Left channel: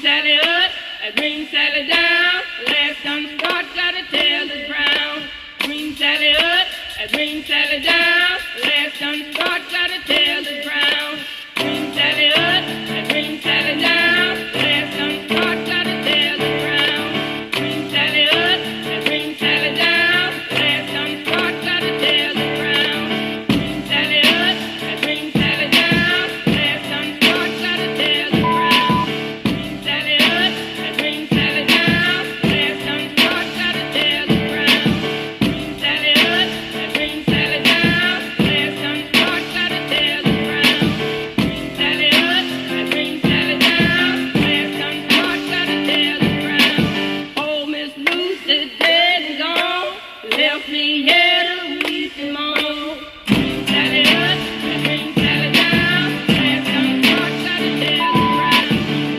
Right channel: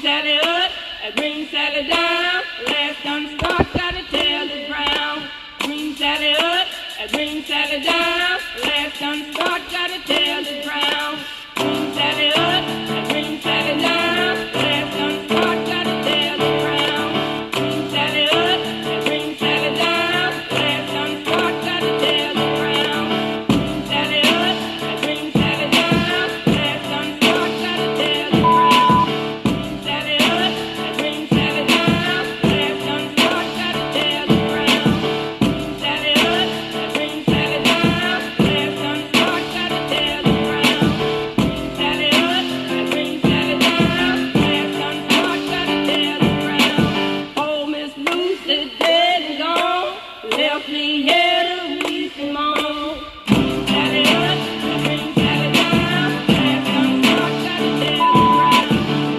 Sally up, green Sally down. Last done start, gotta tell the ground. Green Sally up, green Sally down. Last done start, gotta tell the ground. Green Sally up, green Sally down. Last done start, gotta tell the ground. Green Sally up, green Sally down. Last done start, gotta tell the ground. Green Sally up, green Sally down. Last done start, gotta tell the ground. Green Sally up, green Sally down. Last done start, gotta tell the ground. Green Sally up, green Sally down. Last done start, gotta tell the ground. Green Sally up, green Sally down. Last done start, gotta tell the ground. Oh, Miss Lucy dead and gone, left me here to weep and moan. Green Sally up, green Sally down. Last done start, gotta tell the ground.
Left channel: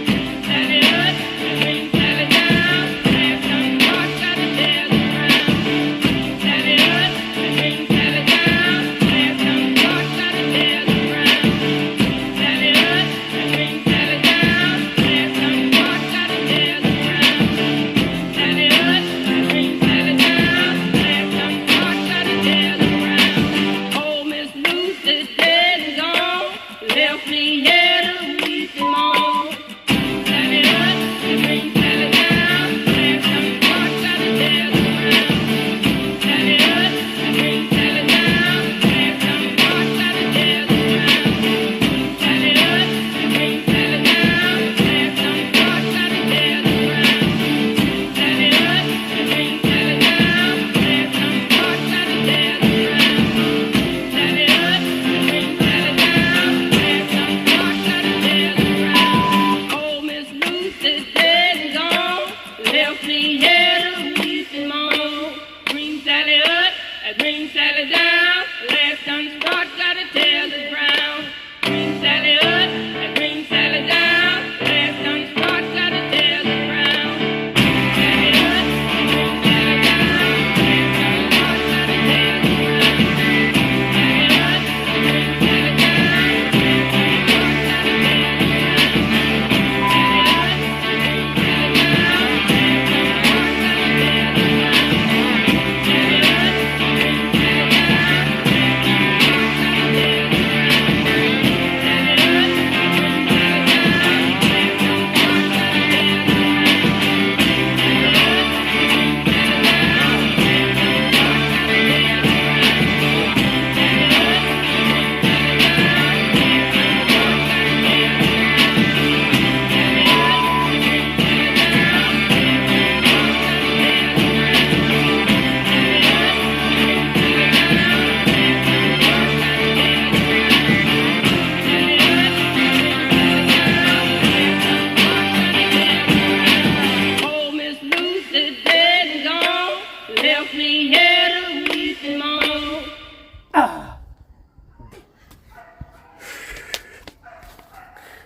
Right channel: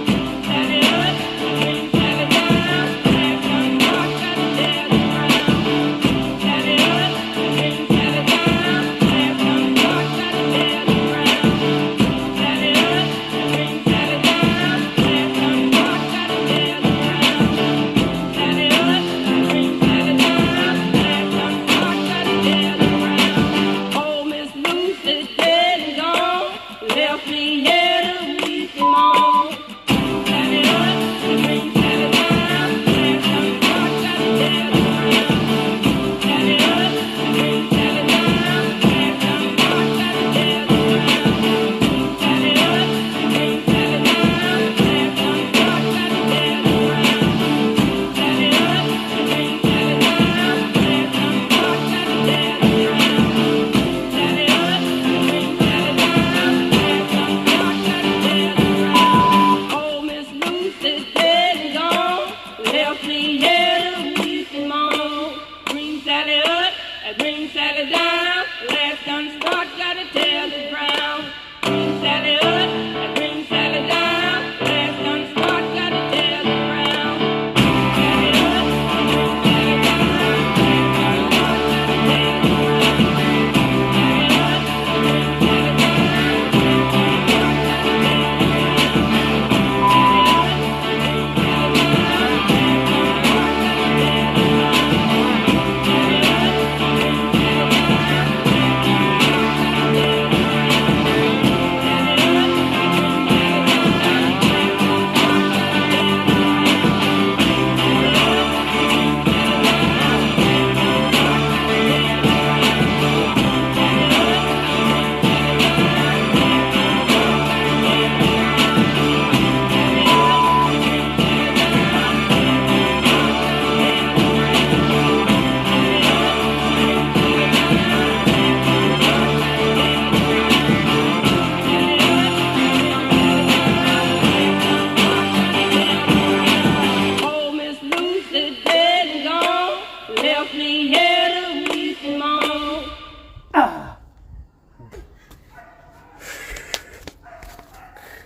Green Sally up, green Sally down. Last done start, gotta tell the ground. Green Sally up, green Sally down. Last done start, gotta tell the ground. Green Sally up, green Sally down. Last done start, gotta tell the ground. Green Sally up, green Sally down. Last done start, gotta tell the ground. Oh, Miss Lucy dead and gone, left me here to weep and moan. Green Sally up, green Sally down. Last done start, gotta tell the ground. Green Sally up, green Sally down. Last done start, gotta tell the ground. Green Sally up, green Sally down. Last done start, gotta tell the ground. Green Sally up, green Sally down. Last done start, gotta tell the ground. Green Sally up, green Sally down. Last done start, gotta tell the ground. Oh, Miss Lucy dead and gone, left me here to weep and moan. Green Sally up, green Sally down. Last done start, gotta tell the ground. Green Sally up, green Sally down. Last done start, gotta tell the ground. Green Sally up, green Sally down. Last done start, gotta tell the ground. Green Sally up, green Sally down. Last done start, gotta tell the ground. Green Sally up, green Sally down. Last done start, gotta tell the ground. Green Sally up, green Sally down. Last done start, gotta tell the Oh, Miss Lucy dead and gone, left me here